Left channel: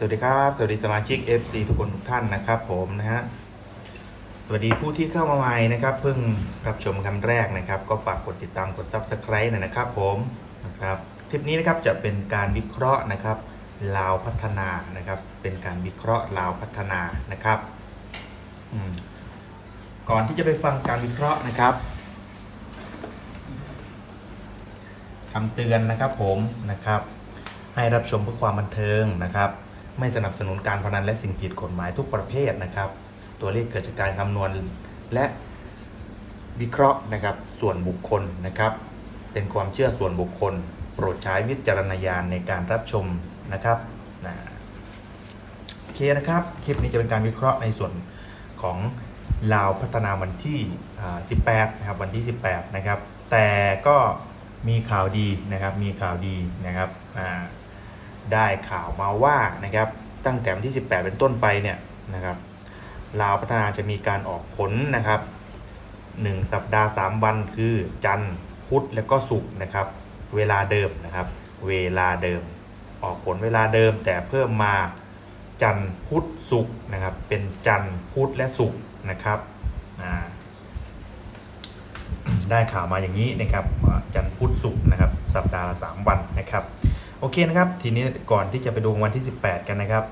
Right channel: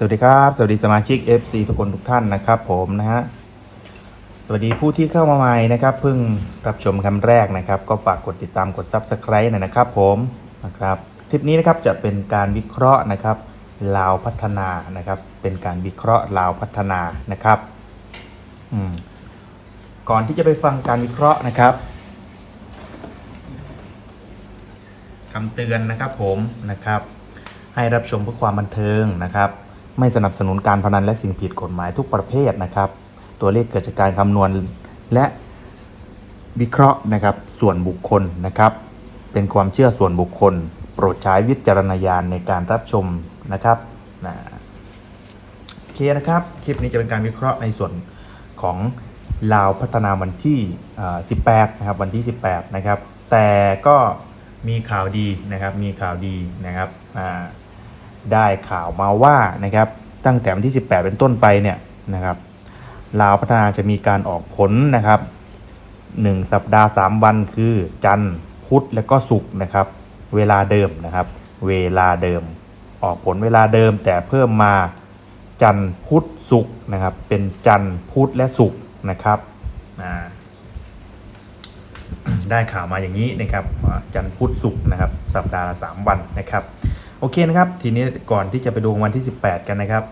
สวัสดีครับ สวัสดีสมาชิก FC ทุกคนทุกท่านนะครับผมนะฮะสวัสดีผู้ที่เข้ามาใหม่นะครับเพิ่งรับชมคำแรกนะครับ ก็ฝากกดติดตามกด Subscribe หน่อยนะครับผมนะครับคลิปนี้นะครับจะเป็นการวิเคราะห์นะครับลาวพัฒนานะครับเป็นการวิเคราะห์ลาวพัฒนานะครับก่อนที่จะไปฟังการวิเคราะห์นะครับคำเตือนนะครับผมนะครับ ให้รับชมเพื่อความบันเทิงนะครับ ไม่สนับสนุนการพนันและสิ่งผิดกฎหมายทุกประเภทนะครับ ตัวเลขเกิดจากการคำนวณและวิเคราะห์นะครับส่วนบุคคลนะครับ เป็นความเชื่อส่วนบุคคล โปรดใช้วิจารณญาณในการรับชมนะครับนะโอเคนะครับ คลิปนี้จะเป็นการวิเคราะห์ในส่วนของลาวพัฒนาวันที่อ่า18 นะครับ วันที่ 18 นะครับ แต่ก็มีข่าวดีนะครับ มีข่าวดีนะครับ อ่า ได้ข่าวมาว่านะครับตั้งแต่วันที่ 18 เป็นต้นไปเนี่ยนะครับลาวพัฒนาจะมีการออกผลนะครับ 1 สัปดาห์ 3 วันคือจันทร์พุธและก็ศุกร์นะครับ เวลาเดิมนะครับ เวลาเดิม ออกผลเวลาเดิมแต่เพิ่มมาจันทร์พุธศุกร์นะครับ เป็นจันทร์พุธและศุกร์นะครับได้ข่าวมาอย่างนี้นะครับจันทร์พุธศุกร์นะครับ สัปดาห์ละ3วันนะครับ โอเคนะครับ ทีนี้ก่อนที่จะไปดูวันที่ 18 กันนะครับ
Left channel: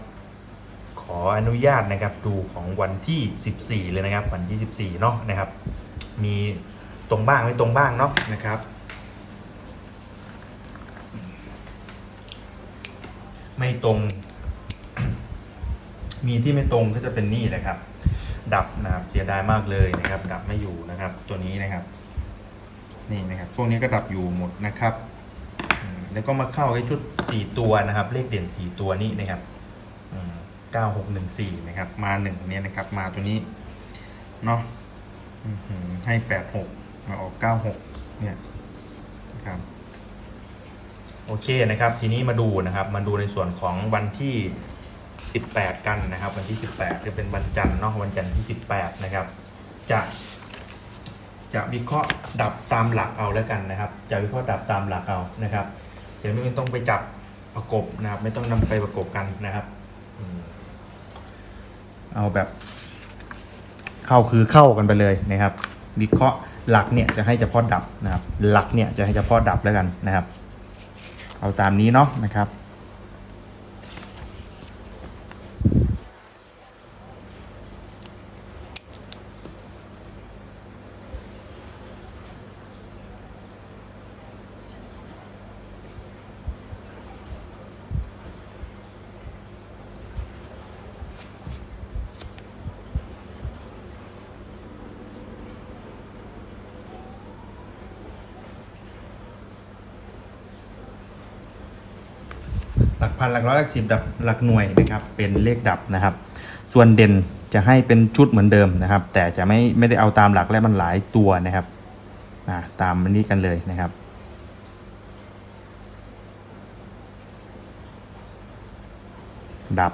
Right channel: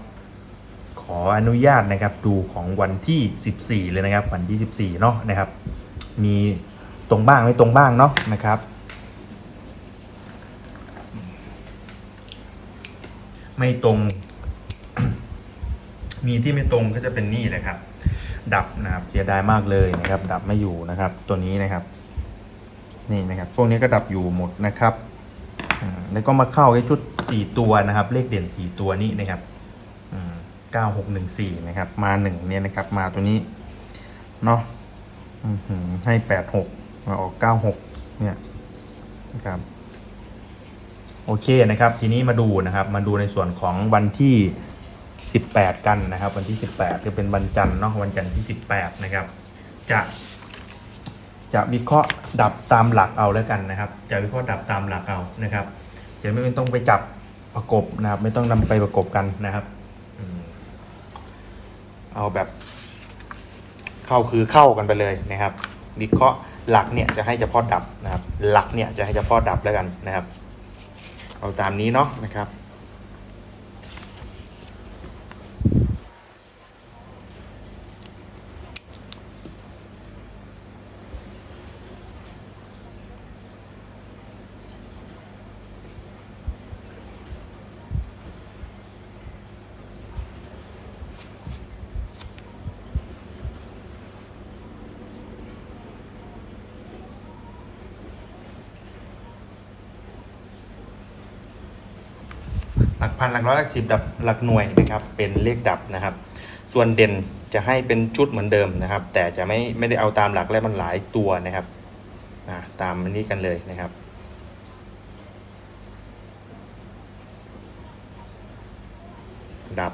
ขออนุญาตนะครับดูของวันที่ 14 เลยนะครับ วันที่ 14 เนาะนะครับ มีตรงบ้างไม่ตรงบ้างเนาะนะครับไม่ตรง มีที่ไม่ตรงก็จะเป็นนี่เลยครับ ดับนะครับเสียดายมากเลยนะครับ ดับไม่อยู่นะครับ ตัวนี้นะครับ นี่นะครับ พวกนี้ก็ดับอยู่หมดนะครับ แล้วก็มาเข้าไอ้ชุด 4 ตัวนะครับ เลขเด่น 4 ตัวนี้นะครับ9614นะครับ มา1เนี่ยนะครับ มาตัวนี้เนาะให้86มาออก96เนี่ยนะครับโอเคนะครับ ทีนี้มาดูนะครับ มาดูในส่วนของวันที่ 18 กันนะครับ วันที่ 18จะเป็นวันจันทร์เนาะวันจันทร์ที่ 18 นะครับ จะ จะวิเคราะห์ดับตามหลักเอาแล้วกันนะครับ จะวิเคราะห์ดับตามหลักเอานะครับ จะไม่ต้องไปจับประกบนะครับ ไม่ต้องนำไปประกบกันนะครับเอาแบบเข้าคือเข้ากันไปเลยนะครับ วิเคราะห์หลักเนี่ยจะให้เฉพาะดับนะครับ หลักเนี่ยจะให้เฉพาะดับแล้วกันนะครับ เอาตามนี้เนาะนะครับ พันหลักร้อยหลักสิบดับหลักหน่วยนะครับ เป็นเลขดับนะครับ ส่วนเด่นจะให้เป็นชุดเหมือนเดิมนะครับ แต่จะไม่ไม่ได้เอาตามหลักและมันหลายตัวนะครับตามนี้กันเลยนะครับดับ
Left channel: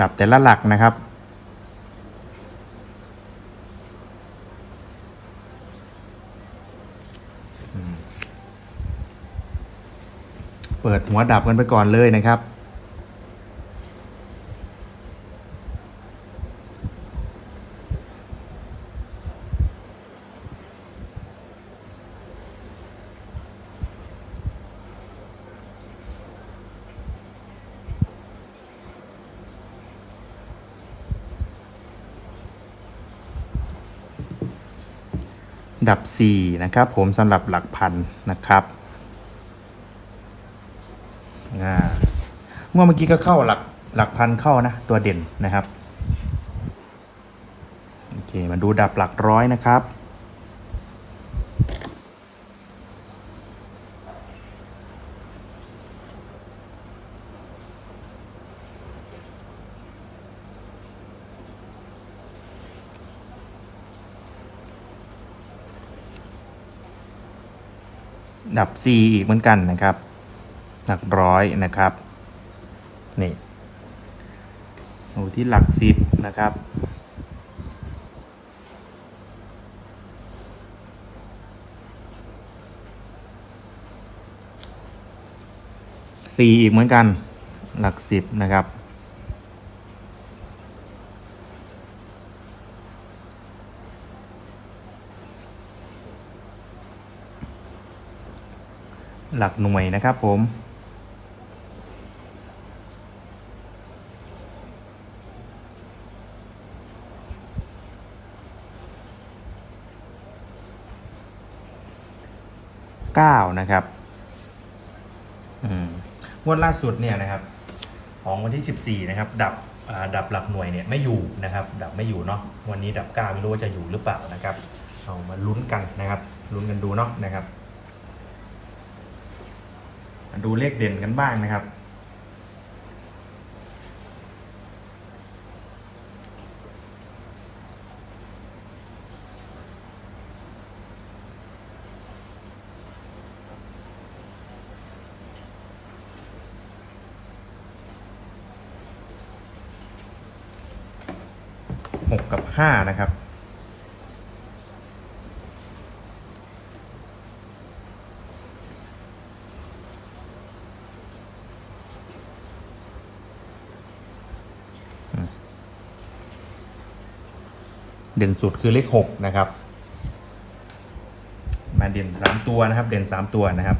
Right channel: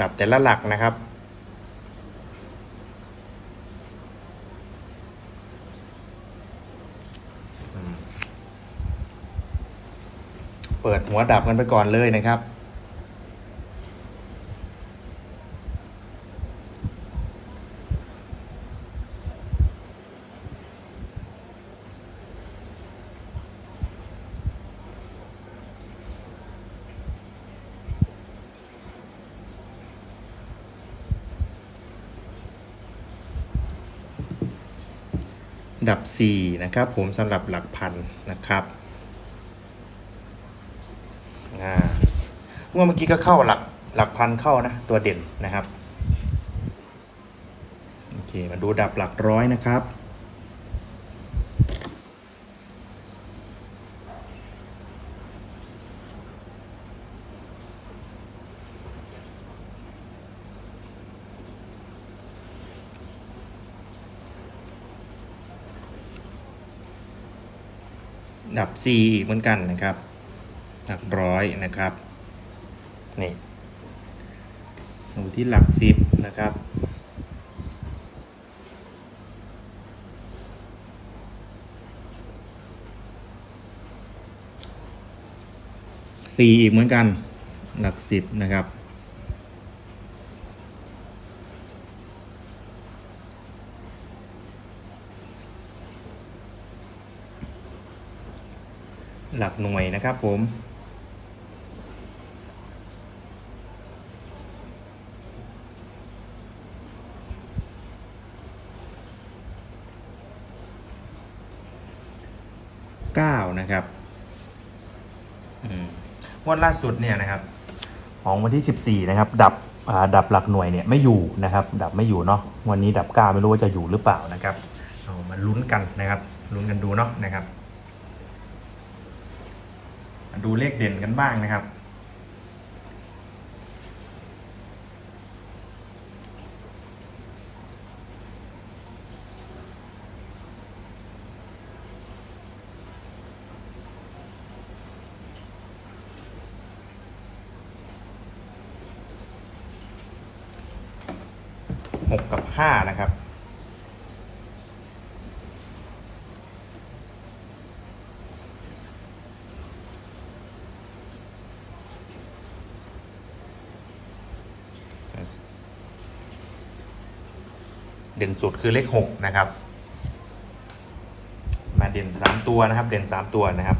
ดับแต่ละหลักนะครับ เปิดหัวดับกันไปก่อนเลยนะครับ ดับ 4 นะครับ ผมสำหรับหลักพันนะครับ อ่าเมื่อกี้ก็เข้าหลักหลักพันเข้านะ ตัวเด่นนะครับโอเคมาดูดับหลักร้อยนะครับ ดับ C อีกเหมือนกันนะครับ หลักร้อยนะครับ นี่ดูที่หลักสิบนะครับ สี่อีกเหมือนกัน หลักสิบนะครับหลักหน่วยนะครับผม 9 นะครับงวดล่าสุดเนี่ยนะครับ ของวันที่ 14 นะครับ ดับดับหลักหน่วยเนี่ยไม่อยู่นะครับ ดับไม่อยู่เนาะวันนี้ดับ 9 ไม่รู้ว่าจะอยู่หรือเปล่านะครับเรามาลุ้นกันนะครับ ลุ้นกันดูเนาะนะครับ ดูเลขเด่นกันบ้างนะครับ 6 กับ 5 นะครับ เด่นสุดคือเลข 6 นะครับมาเด่น 3 ตัวนะครับ เด่น 3 ตัวนะครับ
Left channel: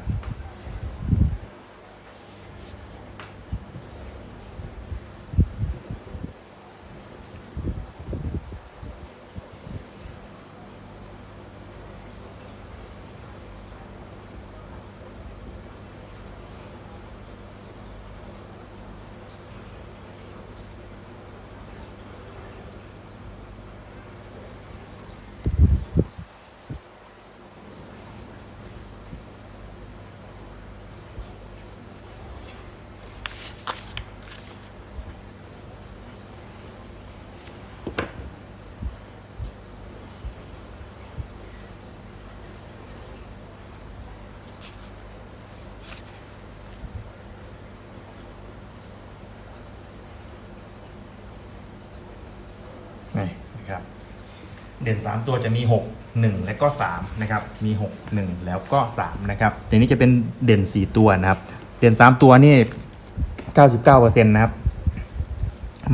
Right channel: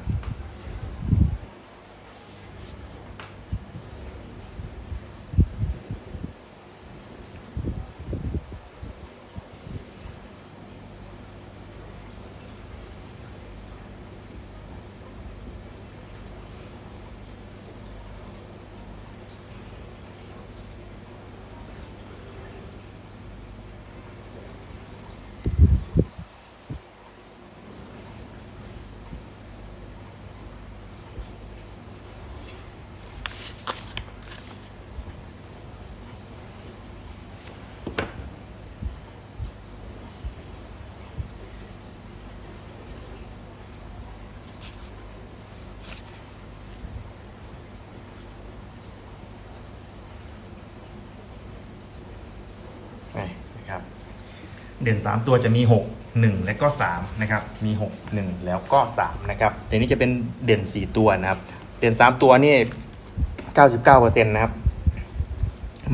เด่น 3 ตัวจะมี 6 1 และก็3นะครับมี 6 1 แล้วก็3นะครับทีนี้จะเป็นเด่น 4 ตัวนะครับ เด่น 3 ตัวนี่ 99%นะครับ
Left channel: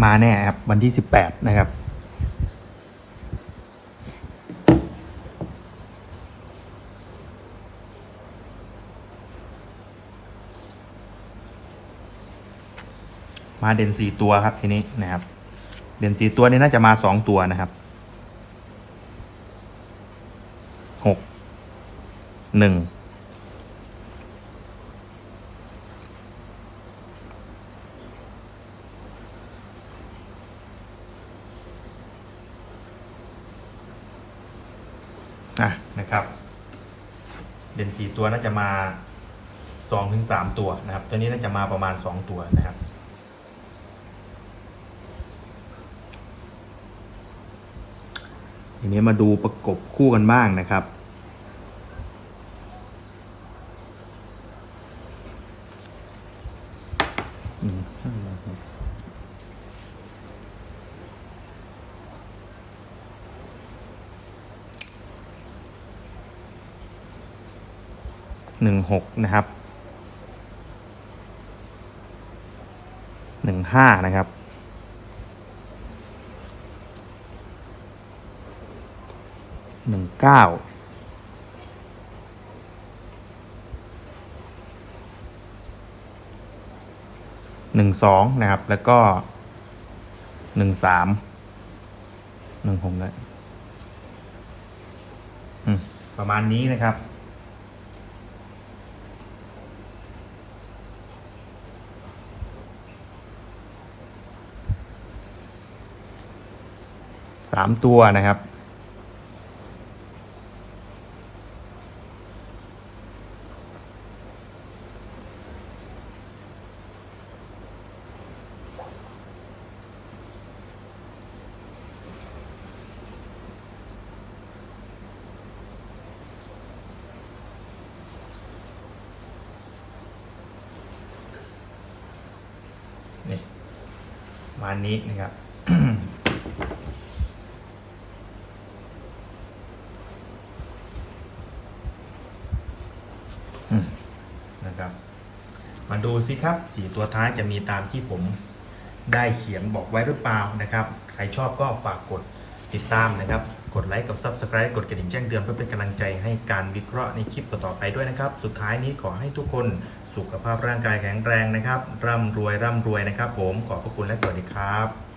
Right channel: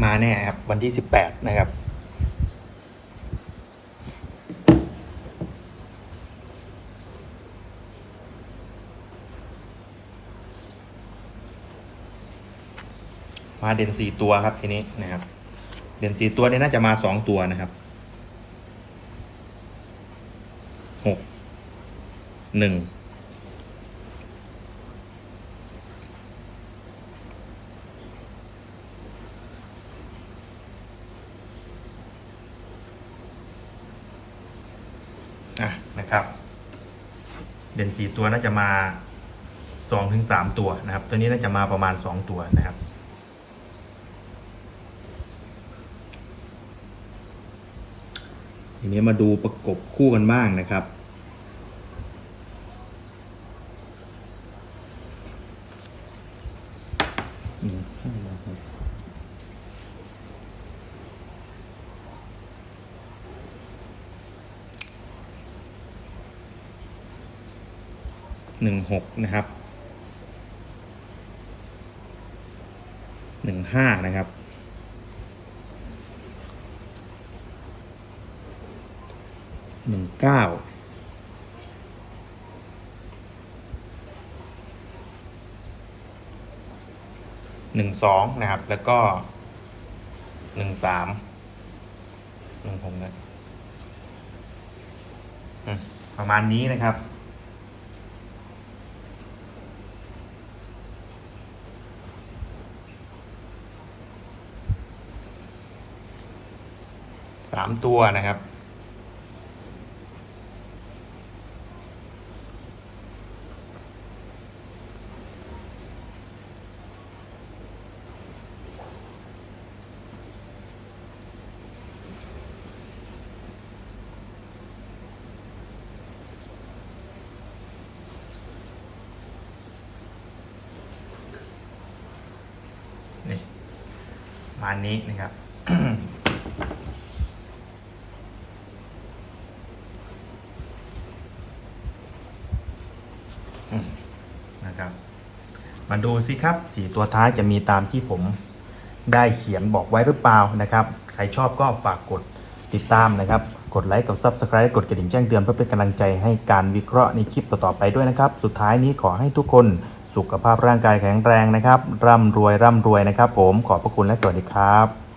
มาแน่ครับวันที่ 18 นะครับมาเด่น4ตัวครับทีนี้นะครับ เด่น4ตัวนี่น่าจะมา 2 ตัวนะครับ หก หนึ่งอะนะครับ เด่นสี่ตัวน่าจะมาสองถึงสามตัวนะครับ ตัวนี้น่าจะมาประมาณสองตัวนะครับทีนี้มาดูประกบคู่กันบ้างนะครับ 1.6 นะครับ 15 นะครับหนึ่งเก้าหนึ่งสองนะครับ แล้วก็หนึ่งสามหนึ่งหกเลยประมาณนี้นะครับ สามตัวนะครับ นี่มานี้นะครับ อืมนะครับ มา ดูสิครับสีตัวท้ายจะมีตามที่ผมได้เขียนบอกไว้หรือเปล่านะครับ ใครชอบก็ฝากกดติดตามนะครับ กดไลค์กด Subscribe กดกระดิ่งแจ้งเตือนเพื่อเป็นกำลังใจให้การวิเคราะห์ในคลิปต่อๆไปด้วยนะครับ สุดท้ายนี้ขอให้ทุกคนสุขภาพร่างกายแข็งแรงนะครับ ร่ำรวยร่ำรวยนะครับ ผมขอบพระคุณและสวัสดีครับ